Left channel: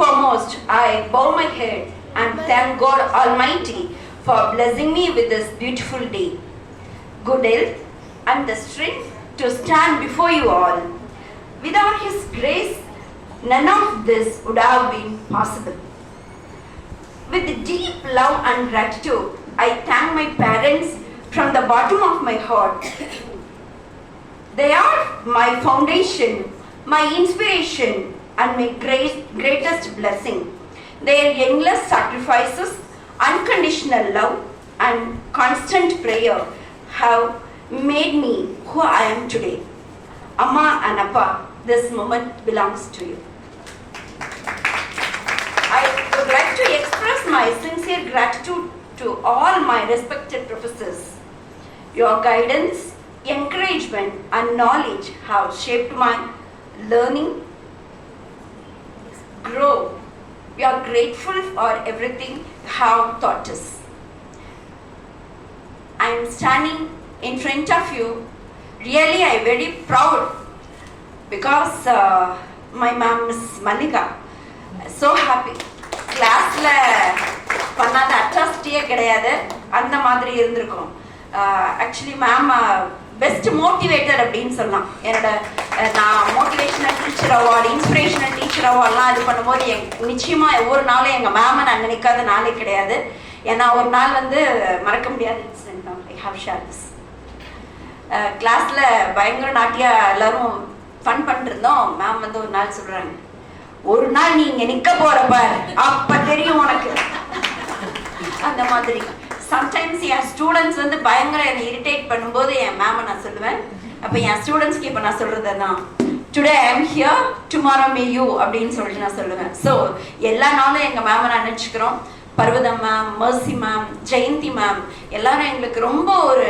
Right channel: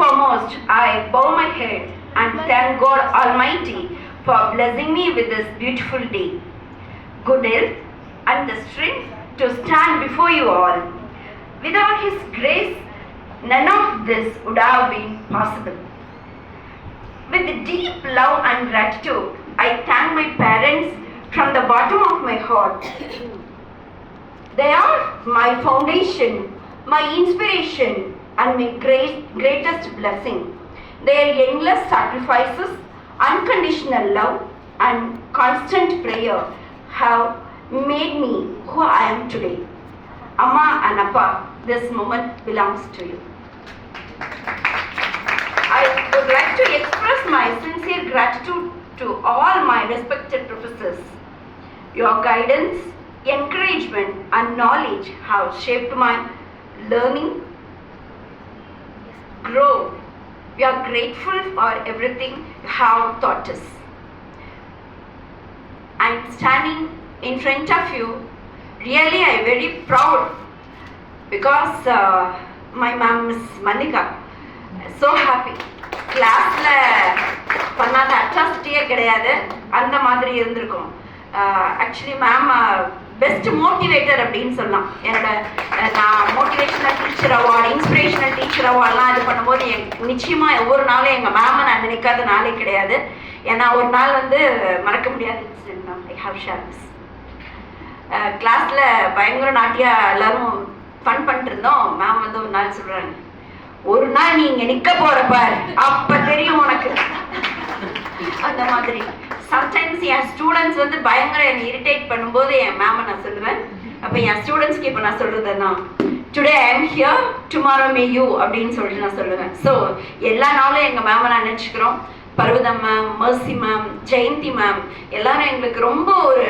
foremost, I bow my head and thank God Almighty for blessing me with this beautiful day, good health and the strength to stand before you all. Without His grace, none of this would have been possible. With deep love and gratitude, I thank my parents from the bottom of my heart. They are my foundation, my inspiration, and my greatest blessing. Their endless sacrifices, unconditional love, and constant prayer have made me who I am today. Amma and Appa, this moment belongs to you. I would like to express my sincere gratitude to all my respected professors. Your guidance, encouragement, and knowledge have shaped my learning, grow. We are grateful for everything you have taught us. I am standing in front of you. Really, I am very proud because my mom is Manika. So happy. கிளாஸ்ல பண்ணாத அட்ராசிட்டியே கிடையாது, அந்த மாதிரி இருந்திருக்கும். Actually ma'am best motivator அப்படின்னு சொல்லலாம். என்னோட நான் motivational teacher award, inspirational teacher அவார்ட்லாம் இது பண்ணும்போது நிச்சயமாக ஒவ்வொரு நாளும் எங்கள் மேமை நான் நினைக்காத நாளே கிடையாது. ஏன்னா ஒரு நாள் வந்து மறக்க முடியாத இன்சிடென்ட் தான். I have share this. கிளாஸில் பயங்கர நாட்டியா எல்லாரும் ஃபன் பண்ணிட்டு இருந்தோம். மேம் வந்து ஒரு நாள் சொல்கிறாங்க, ஒரு நாள் நீ இங்கே நிற்க போகிறப்ப அப்போ தெரியும் உனக்கு. அந்த மாதிரி சம்டைம்ஸ் என் ஸ்டூடெண்ட்ஸ் வந்து பயங்கர என்னை இரிட்டேட் பண்ணும்போது என் மேமை நான் சொல்லுவேன். அப்போ என் ஸ்டூடெண்ட்ஸ்க்கு இப்போ நான் சொல்கிறதுன்னா, today I am here, tomorrow May you அப்படின்னு சொல்லிட்டு நான் சொல்லுவேன். ஸோ எல்லா நாளும் எங்கள் மேமை நான் நினச்சிக்கிறோம். Parvatham ma'am, Mercy ma'am, Jayanthi ma'am எல்லாரும் எங்களுக்கு ரொம்ப ஒரு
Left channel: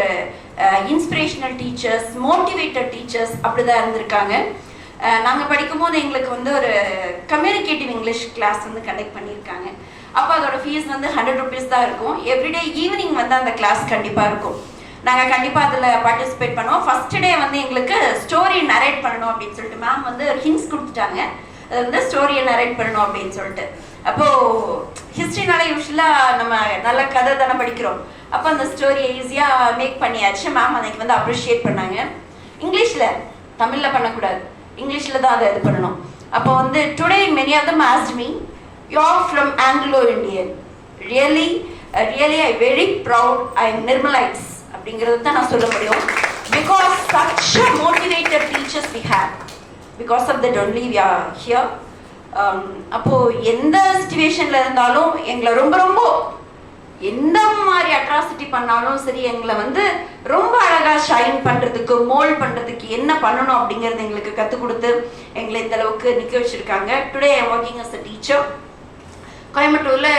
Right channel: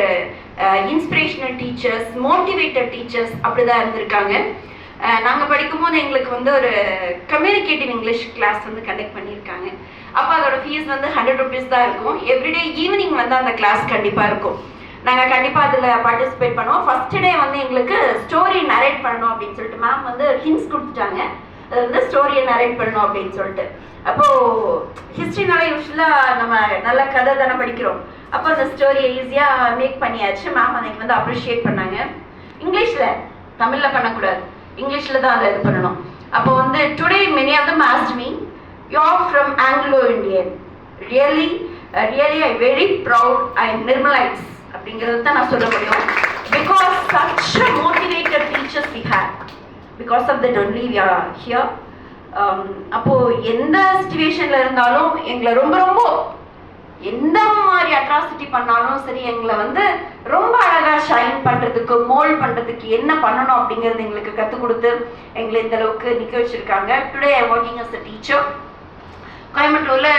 இன்ஸ்பிரேஷனல் டீச்சர்ஸ், மோட்டிவேட்டட் டீச்சர்ஸ் அப்படி தான் இருந்திருக்காங்க. நாங்கள் படிக்கும்போது எங்களுக்கு வந்து ஒரு கம்யூனிகேட்டிவ் இங்கிலீஷ் கிளாஸ் வந்து கண்டக்ட் பண்ணியிருக்காங்க. அப்போ அதோட ஃபீஸ் வந்து 100 rupees தான் இருக்கும். எவ்ரிடே ஈவினிங் வந்து அந்த கிளாஸ் கண்டிப்பாக இருக்கும். நாங்கள் கண்டிப்பாக அதில் பார்ட்டிசிபேட் பண்ணுவோம். ஃபர்ஸ்ட் டே வந்து எங்களுக்கு ஸ்டோரி நரேட் பண்ணணும் அப்படின்னு சொல்லிட்டு மேம் வந்து ஒரு ஹிண்ட்ஸ் கொடுத்துட்டாங்க. அது வந்து ஸ்டோரியை நரேட் பண்ணணும் அப்படின்னு சொல்லிட்டு. அப்போது ஹிஸ்ட்ரினால யூஸ்வலாக நம்ம நல்ல கதை தானே படிக்கிறோம். அப்போ அந்த ஸ்டோரியை ஈஸியாக மேக் பண்ணியாச்சு. மேம் அன்னைக்கு வந்து அப்ரிஷியேட் பண்ணாங்க. இங்கிலீஷில், தமிழில் பண்ணக்கூடாது, இங்கிலீஷில் தான் அதை இது பண்ணணும். அப்போ வந்து today many of them asked me, you are from Anglo-Indian. Really, I'm very proud. I am Nirmalites. அப்படிங்கிறது தான் நான் சொல்ல முடியும். Because such a motivated teachers we had. Because of that only we are here. அப்போ எந்த சிச்சுவேஷன்ல இருந்தாலும் எங்களை ரொம்ப ரொம்ப எந்த மாதிரி அட்ராசிட்டி பண்ணாலும் சரி, எங்களை வந்து ரொம்ப அழகா ஷைன் பண்றதுக்கு, மோல்ட் பண்றதுக்கு என்ன பண்ணணும் அப்படிங்கிறது எங்களுக்கு கற்றுக் கொடுத்து எங்களை இந்த அளவுக்கு நிற்க வச்சிருக்காங்க. Today I working as a teacher. கோயம்புத்தூர்ல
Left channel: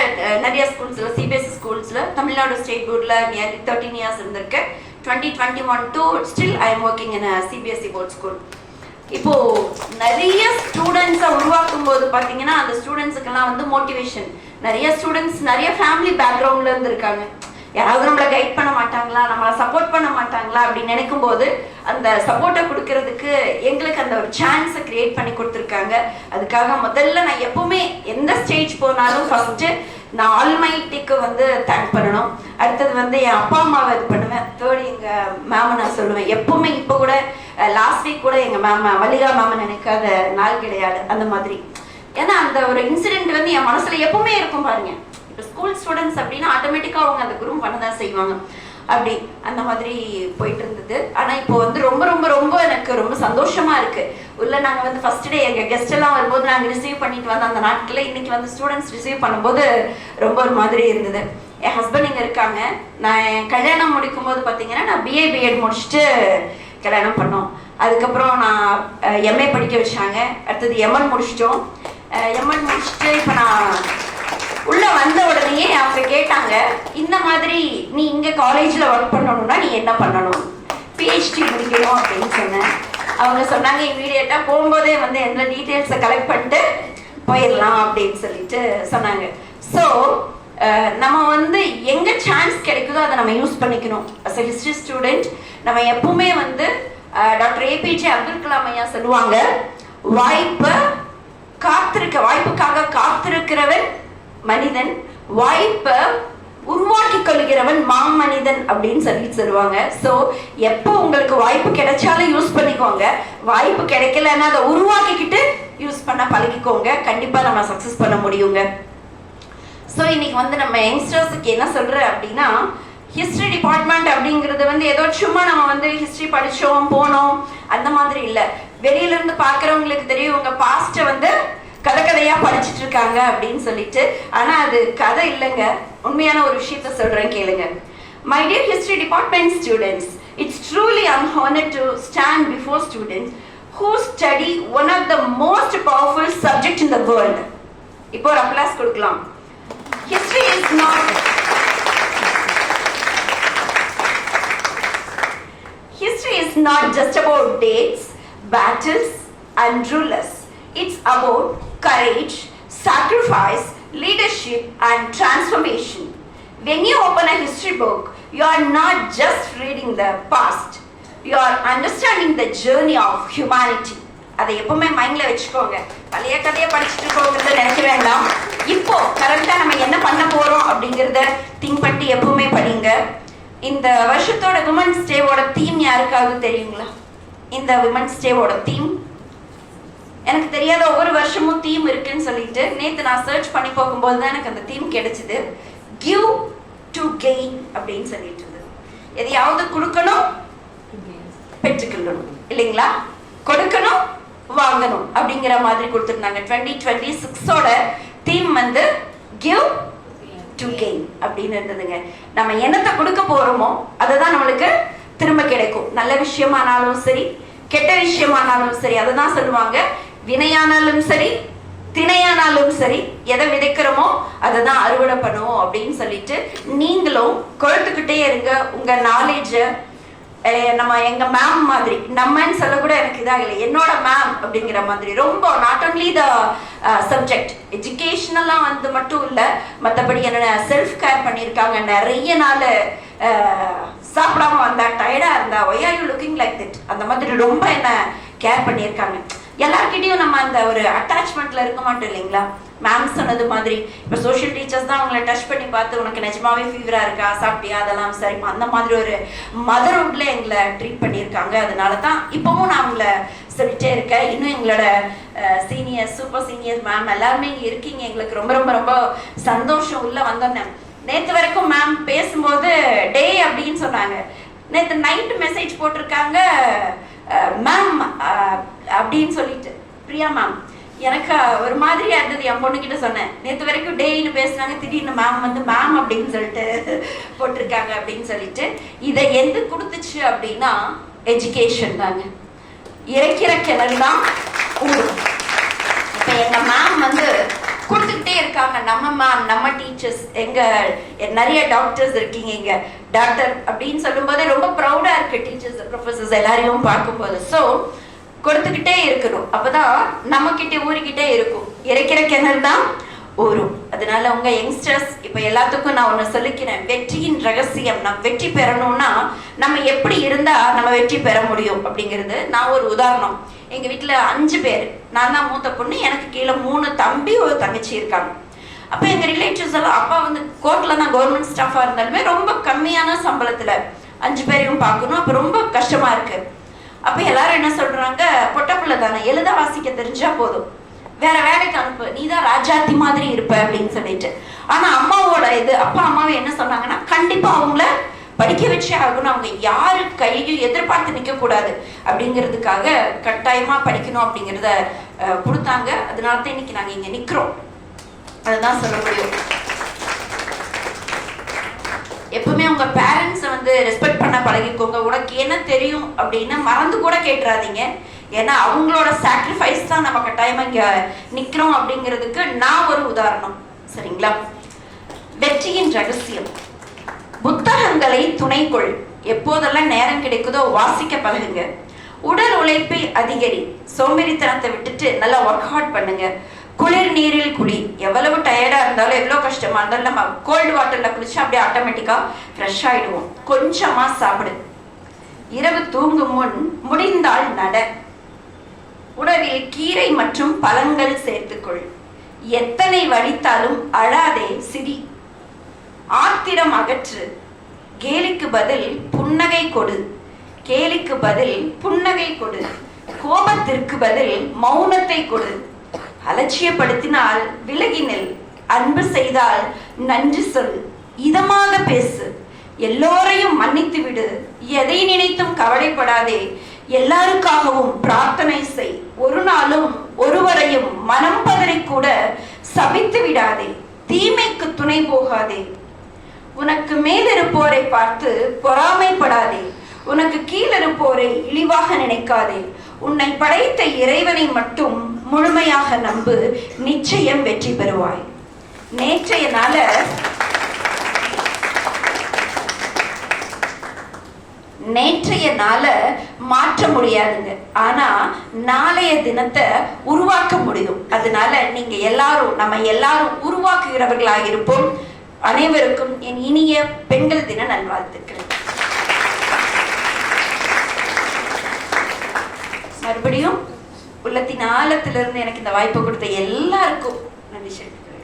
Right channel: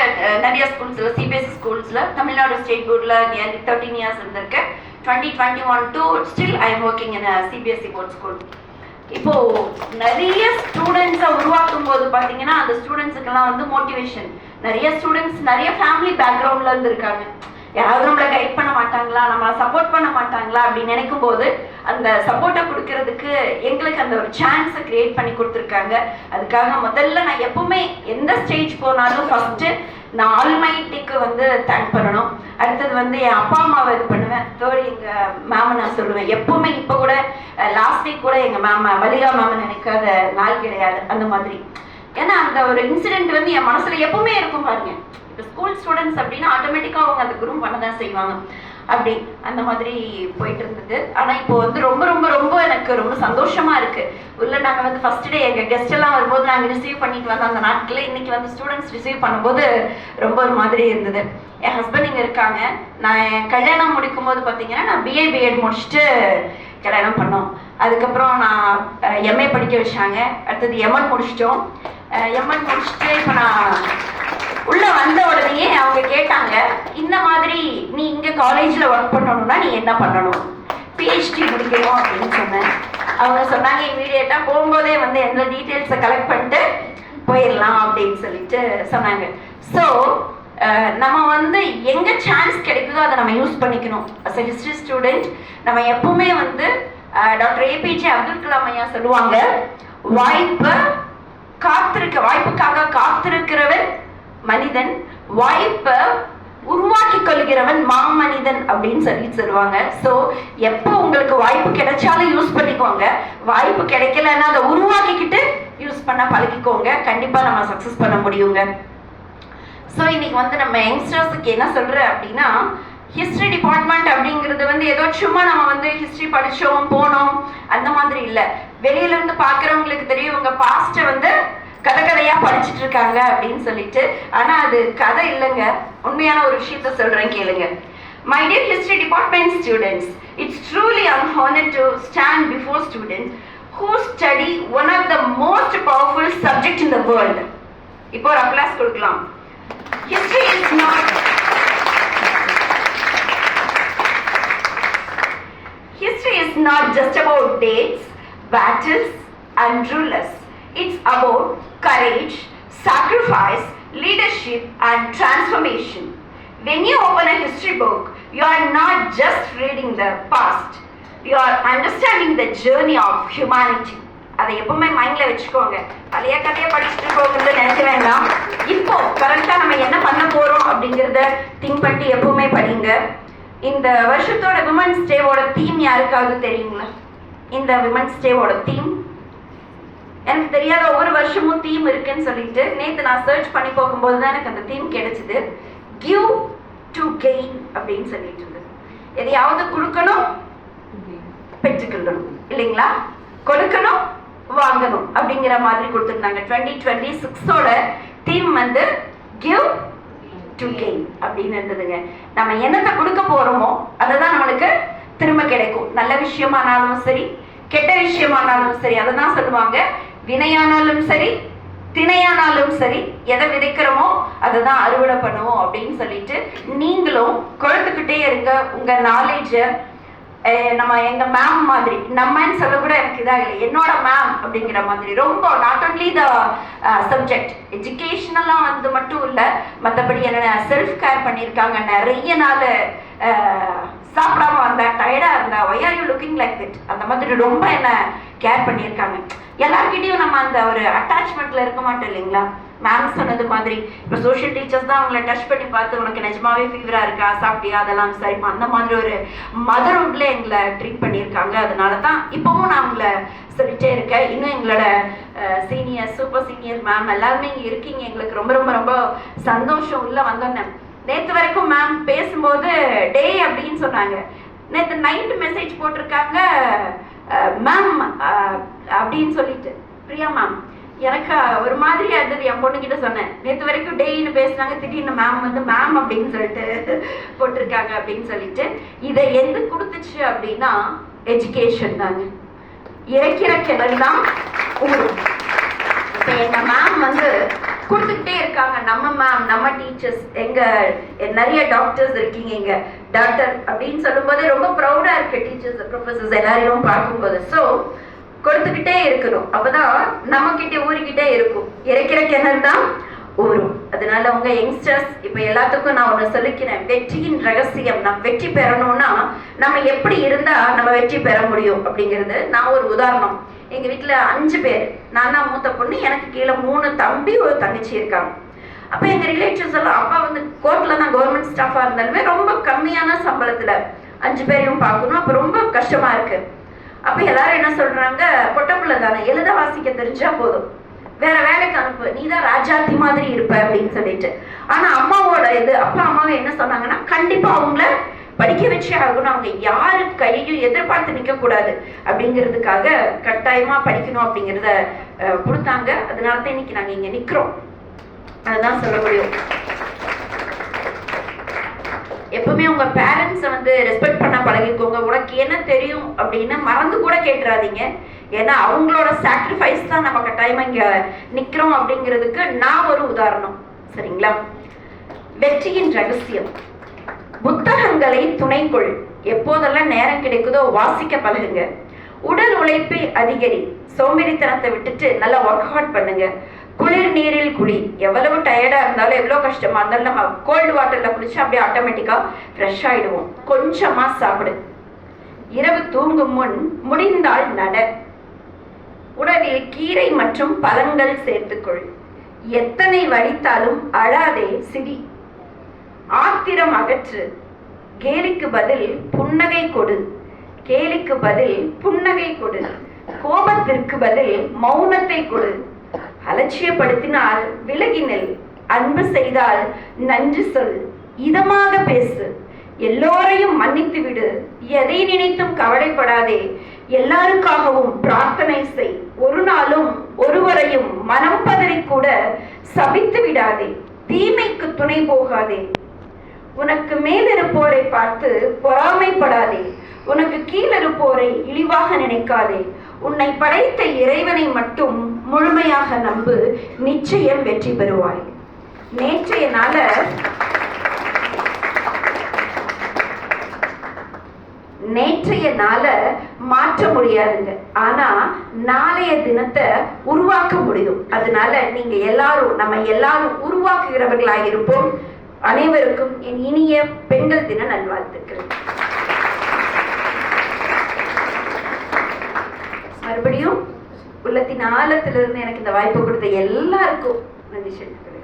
நிறைய ஸ்கூல்ஸ்ல, சிபிஎஸ்சி ஸ்கூல்ஸ்ல, தமிழ்நாடு ஸ்டேட் போர்டில் நியர்லி 13 years இருந்திருக்கேன். 2021 to still I am working in a CBSE board school. இப்போ நிறைய ஸ்டூடெண்ட்ஸை உருவாக்கும் போது பார்த்தீங்கன்னா அந்த ஸ்டூடெண்ட்ஸுக்கெல்லாம் வந்து மோட்டிவேஷன், நிறைய ஸ்டூடெண்ட்ஸ் நிறைய ஃபேமிலி பேக்ரவுண்ட்ல இருந்து இருக்காங்க. யாராவது நம்மளை கைட் பண்ண மாட்டாங்களா, நம்மளை சப்போர்ட் பண்ண மாட்டாங்களா அப்படின்னு நினைக்கும் போது அந்த சப்போர்ட்டை கொடுக்கறதுக்கு எங்களுக்கு அந்த ஒரு சான்ஸை கிரியேட் பண்ணி கொடுத்துருக்காங்க. அதுக்காக முதல்ல நான் எப்பவுமே எந்த ஸ்டேஜ் போனாலும் ஃபர்ஸ்ட் நான் ஆல்மைட்டிக்கு வந்து தேங்க் பண்ணணும். அடுத்தது வந்து என் அப்பா அம்மாவை இது பண்ணுவேன். தேர்ட் எங்கள் மேமை நான் சொல்லுவேன். எப்பவுமே இப்போ கூட லாஸ்ட் வீக் கூட எங்கள் மேமை, மல்லிகா மேமை நினைக்காத நாள் கிடையாது. அந்த மாதிரி ஏன்னா அந்த ஒரு இன்சிடென்ட் வந்து என் மனசுல எப்பவுமே இருக்கும் பாருங்க. இப்போ ஸ்கூல் ஸ்டூடெண்ட்ஸ் அப்படின்னா ஆட்டோமேட்டிக்காக அவங்க அந்த குரூப் பண்ண தான் செய்வாங்க. அப்படி அந்த மாதிரி போயிட்டு இருந்தது. ஆனால் இப்போ வந்து ரொம்ப ரொம்ப ரொம்ப எனக்கு ரொம்ப சந்தோஷமா இருக்கு. உள்ள நாங்கள் வந்து ஃபர்ஸ்ட் டே எங்கள் கெஸ்ட் எல்லாம் வரும்போது நாங்கள் ரிசீவ் பண்ணிட்டு வந்த அந்த நாட்களில் இன்னைக்கு வந்து ஸ்டூடெண்ட்ஸ் ரிசீவ் பண்ணும்போது ரொம்ப ஒரு மாதிரி இருந்தது. என் ஹஸ்பண்ட் இங்கே இருக்காங்க. நான் என் கல்யாணம் முடிக்கும் போது பார்த்தீங்கன்னா நான் பிஏ பிஎட் முடிச்சுட்டு கல்யாணம் பண்ணோம். அதுக்கப்புறம் நான் எம்ஏ படிக்க வச்சாங்க. அடுத்தது எம்என் முடிச்சிட்டோம். எம்என் முடிச்சுட்டு இப்போ நான் உள்ள வந்த உடனே அவங்க கேட்டாங்க, இந்த மாதிரி நீ இங்க காலேஜ்ல ஒர்க் பண்ணணும்னா நீ என்ன பண்ணணும், பிஹெச்டி முடிக்கணும் அப்படின்னு சொன்னேன். அவங்க சொன்னாங்க இமீடியட்டா போகும்போதே வந்து என்ன டீட்டெயில்ஸை கலெக்ட் பண்ணிட்டு போயிடலாம் அப்படின்னு சொல்லிட்டு சொன்னாங்க. ஸோ நம்ம வந்து எங்க சான்ஸ் கிடைக்குதோ அதை நம்ம யூஸ் பண்ணிக்கணும். அஸ் எ ஹிஸ்டரி ஸ்டூடெண்ட் நம்ம எப்பவுமே வந்து டாக்டர் ஏபிஜே அப்துல் கலாம் ஐயா சொல்லுவாங்க, வாய்ப்புக்காக மனிதன், வாய்ப்பை உருவாக்கி கொள்கிறவன் மாமனிதன் அப்படின்னு சொல்லுவாங்க. ஸோ எப்போ உங்களுக்கு வாய்ப்பு கிடைச்சாலும் யூஸ் பண்ணிக்கோங்க, வாய்ப்பு கிடைக்கலன்னா அதை உருவாக்கிக்கிட்டு யூஸ் பண்ண பழகிக்கோங்க. கண்டிப்பா நம்ம சக்சஸ் பண்ண முடியுங்க. ஸோ இன்னைக்கு வந்து நம்ம யங்ஸ்டர்ஸுக்கு என்ன சொல்றேன் அப்படின்னா, ஹிஸ்டரி டிபார்ட்மெண்ட் அப்படிங்கிறது ஏதோ சும்மா நம்ம ஹிஸ்டரி படிச்சோம் போனோம் அந்த மாதிரி இல்லை. வெளியில இருந்து பாக்குறவங்களுக்கு தெரியும் உங்க பாஸ்ட கதையா படிச்சுட்டு இருக்காங்க அப்படின்னு சொல்லிட்டு. ஆனா அது கதை இல்லைங்க, உண்மையான ஒரு விஷயத்த சொல்றேன் கேளுங்க. My dear history department students, it's truly an honor to stand before students who study one of the most powerful subject in the world. இப்போ ஒரு அப்ளாஸ் கொடுக்கலாம். History is not just about dates, battles and rulers. It's about courage, sacrifice, leadership and transformation. When you open a history book, you are not just reading the past, you are understanding the journey of humanity. அதை எப்பவுமே மைண்ட்ல வச்சுக்கோங்க. பழைய கதையை படிச்சுட்டு போகிறது நினைக்க வேண்டாம். இப்போ கரெக்டா நம்ம என்ன பண்ண போறோம் அப்படிங்கறத திங்க் பண்ணி எப்பவுமே படிங்க. இந்த வருஷத்தோட விமன்ஸ் டேவோட தீம் யாருக்காவது தெரியுங்களா? இந்த விமன்ஸ் டேவோட தீம் எனக்கு தெரியாத, ஒவ்வொரு வருஷமும் தீம் இருக்குன்னு சொல்லிட்டு நேற்று நான் சர்ச் பண்ணி போகும்போது தான் எனக்கு அந்த தீம் கிடைச்சது. கிவ் டு கெயின் அப்படின்னு சொல்லிட்டு இருந்தது. எதையாவது கொடுக்கணும், பெற்றுக்கொள்ளணும் இல்லைங்களா? கொடுக்கணும், வாங்கணும் அப்படிங்கிற மாதிரி கொடுத்துருந்தாங்க. 2026ஓட தீம் கிவ் டு கெயின் அப்படின்னு இருந்ததுங்க. நம்ம என்னத்தை கொடுக்க போறோமோ அதை தான் நம்மளுக்கு திரும்ப கிடைக்கும். நல்ல விஷயமானாலும் சரி, கெட்ட விஷயமானாலும் சரி, அதை தான் சொல்லுவாங்க. வினையானாலும் சரி, திணையானாலும் சரி, எதை விதைக்கிறோமோ அதை தான் அறுவடை பண்ணுவோம் அப்படின்னு சொல்லிட்டு நீங்களும் கொடுத்துக்கிட்டே இருங்க உங்க நாலேஜ. நம்ம எங்க மேம் மாதிரி, நம்மன்னு சொல்ல கூட எனக்கு இதாக இல்லை, என்னோட மேம் அப்படிங்கிற மாதிரி ரொம்ப நாட் ஒன்லி த சப்ஜெக்ட் எஜுகேஷனெல்லாம் மட்டும் இல்லை, மற்றபடி என்ன செல்ஃப் கேர் பண்ணியிருக்காங்க. நிறைய நாள் சாப்பிடாம வந்தா, டயர்டா இருந்தா, why are you looking like that அந்த மாதிரி ரொம்ப என்ன கேர் பண்ணியிருக்காங்க. எல்லார்கிட்டையும் நம்ம அந்த ஒரு அட்டாச்மெண்ட்ல இருக்க மாட்டோம் இல்லைங்களா? மேம் சொன்னது மாதிரி இப்போ சோஷியல் டீச்சர்ஸ் தான் அவங்களை டச் பண்ணி பார்த்து உனக்கு நிஜமாவே ஃபீவரா இருக்கா, சாப்பிட்டியா, அதெல்லாம் சரிமா, அந்த மாதிரி ஒரு மதர்வுட்ல எங்களை ட்ரீட் பண்ணியிருக்காங்க. அதனால தான் இப்பவும் நான் அவங்கள சொல்லிட்டே இருக்கேன். இன்னும் எங்களோட சீனியர், சூப்பர் சீனியர் மேம் எல்லாருமே இங்கே இருக்கீங்க. எங்களுக்கு ரொம்ப ரொம்ப ரொம்ப சந்தோஷம். உள்ள வந்தோன்னே நேற்று வரைக்கும் மேம் பேசும்போது டே அப்படின்னு சொன்னாங்க. நேற்று நைட்டு மெசேஜ் போட்டிருக்காங்க மேம் அப்படின்னு சொல்லிட்டு, பிரியா மேம். எனக்கு ஒரு மாதிரியா இருந்தது. என் பொண்ணுகிட்ட சொன்னேன், நேற்று வரைக்கும் டேன்னு பேசுனாங்க, திடீர்னு மேம் மேம் அப்படின்னு சொல்லிட்டு போட்டிருக்காங்க அப்படின்னு சொல்லிட்டு. இதை எது கொடுத்துச்சு அப்படின்னா எஜுகேஷன் தாங்க. இறைக்கிற கிணறு தான் ஊரும். இப்போ எங்க மேம் கொடுத்துக்கிட்டே இருக்காங்க. நம்ம மேம், நம்ம டீச்சர்ஸ், எங்க நிறைய டாக்டர்ஸ் இருக்கீங்க இங்க. டாக்டர் அப்படின்னு சொல்லும் போதே ரொம்ப ப்ரௌடா இருக்கு, டீச்சர்ஸ் ப்ரொஃபசர்ஸ் எல்லாரையும் பார்க்கும்போது. ஸோ கொடுத்துக்கிட்டே இருக்கணும், அப்பதான் நம்ம கிட்ட ஊருக்கிட்டே இருக்கும். இறைக்கிற கிணறு தான் ஊரும். அதனால உங்க யங்ஸ்டர்ஸ் இப்ப எல்லாத்துக்கும் நான் ஒண்ணு சொல்லிக்கிறேன். வெற்றியின் ரகசியம், நம்ம வெற்றி பெறணும்னா நம்ம எப்படி இருந்தா நம்ம வெற்றி பெற முடியும் அப்படிங்கிறது நான் ஒரு உதாரணம். எங்க வீட்டுல 5 பேர், நான் தான் மூத்த பொண்ணு, எனக்கு கீழே 3 தம்பி, ஒரு தங்கச்சி இருக்காங்க. அப்ப எங்க ரிலேட்டிவ்ஸ் எல்லாம், அப்பா கோர்ட்ல தான் கவர்மெண்ட் ஸ்டாஃபா இருந்தாலுமே ரொம்ப கம்மியான சம்பளத்துல 5 பேரையும் பார்க்கணும். அப்ப ரொம்ப கஷ்டமா இருக்கு. அப்ப எல்லாரும் என்ன சொல்றாங்க, பொட்ட பிள்ளை தானே, எழுத வாசிக்க தெரிஞ்சா போதும், வேற வேலைக்கு அனுப்பு, நீ தான் ராஜாத்தி மாதிரி இருப்ப அப்படின்னு சொல்லிட்டு. ஆனா அம்மாவோட அப்பா அம்மாவை என்ன சொன்னாங்கன்னா, கண்டிப்பா அவங்கள படிக்க வச்சே ஆகணும், அவங்க யாரு கையும் எதிர்பார்த்து நிக்க கூடாது அப்படிங்கிறதுக்காக கட்டாயமா படிக்கணும் அப்படிங்கிறத கொடுத்தாங்க. அதனாலதான் இன்னைக்கு நாங்க இங்க நிக்கிறோம். அதுதான் சொல்ல முடியும். எப்பவுமே உங்க பேரண்ட்ஸ் ரெஸ்பெக்ட் பண்ண பழகிக்கோங்க. உனக்கு என்ன தெரியும் அப்படின்னு மறந்து கூட கேட்டுறாதீங்க. ஏன்னா அவங்களோட சாக்ரிஃபைஸ் தான் நம்ம கட்டாயமா இங்க நிக்கிறோம் அப்படிங்கிறதுக்கு நான் ஒரு உதாரணம். சரிங்களா? வெற்றியின் ரகசியம். புத்தகங்களை துணைக்கொள். எப்போதெல்லாம் நேரம் கிடைக்குதோ வாசிக்க பழகுங்க. உடல் உழைப்பை அதிகரி. சோம்பேறித்தனத்தை விட்டுட்டு நல்லா ஒர்க் ஹார்ட் பண்ணுங்க. குளிர் நீரில் குளி. எவ்வளவு டயர்டா இருந்தாலும், எவ்வளவு கஷ்டமா இருந்தாலும் நம்ம கோல்டு வாட்டர்ல குளிச்சா அப்படியே ஆட்டோமேட்டிக்கா ஃப்ரெஷ் ஆயிடுவோம். கொஞ்சமா சாப்பிடு. இரவு தூங்கும் முன் முடிந்தால் நட. உணவில் கீரை மற்றும் பழங்கள் சேர்த்துக்கொள். எத்தனை வலித்தாலும் அழாதே, சிரி. ஆத்திரம் அகற்று, கேலிக்கு பதில் புன்னகை கொடு. கேலிக்கு பதில் புன்னகை கொடு. கோபத்திற்கு பதில் மௌனத்தை கொடு. அலட்சியப்படுத்தினால் விலகி நெல். அன்பு செய்தால் நன்றி சொல். இதமாக பேசு. எல்லோரையும் மன்னித்து விடு. எதை நினைத்தும் கவலைப்படாதே. எல்லாருக்காகவும் பிரார்த்தனை செய். ஒரு நாளும் ஒருவரையும் மனம் பதறி கூட சபித்து விடாதே. தீமைக்கு துணை போகாதே. உனக்கு மேலிருப்போரை பார்த்து பொறாமைப்படாதே. உனக்கு கீழிருப்போரை இழிவாக நினைக்காதே. உன்னை படைத்த இறைவனை மட்டும் முழுமையாக நம்பு. நிச்சயம் வெற்றி பெறுவாய். நேற்றைய நாள மாற்ற முடியாதுங்க, ஆனா நாளைய தினத்தை உருவாக்க முடியும். அதனால நீங்க எல்லாரும், நம்ம எல்லாரும் உருவாக்குகிறவர்களாக இருப்போம். அனைவருக்கும் என் இனிய பெண்கள் தின நல்வாழ்த்துக்கள். மறுபடியும் உள்ளத்தின் ஆழத்திலிருந்து எனக்கு இந்த வாய்ப்பு கொடுத்த எல்லாருக்கும் நன்றி சொல்லிக்கிறேன்.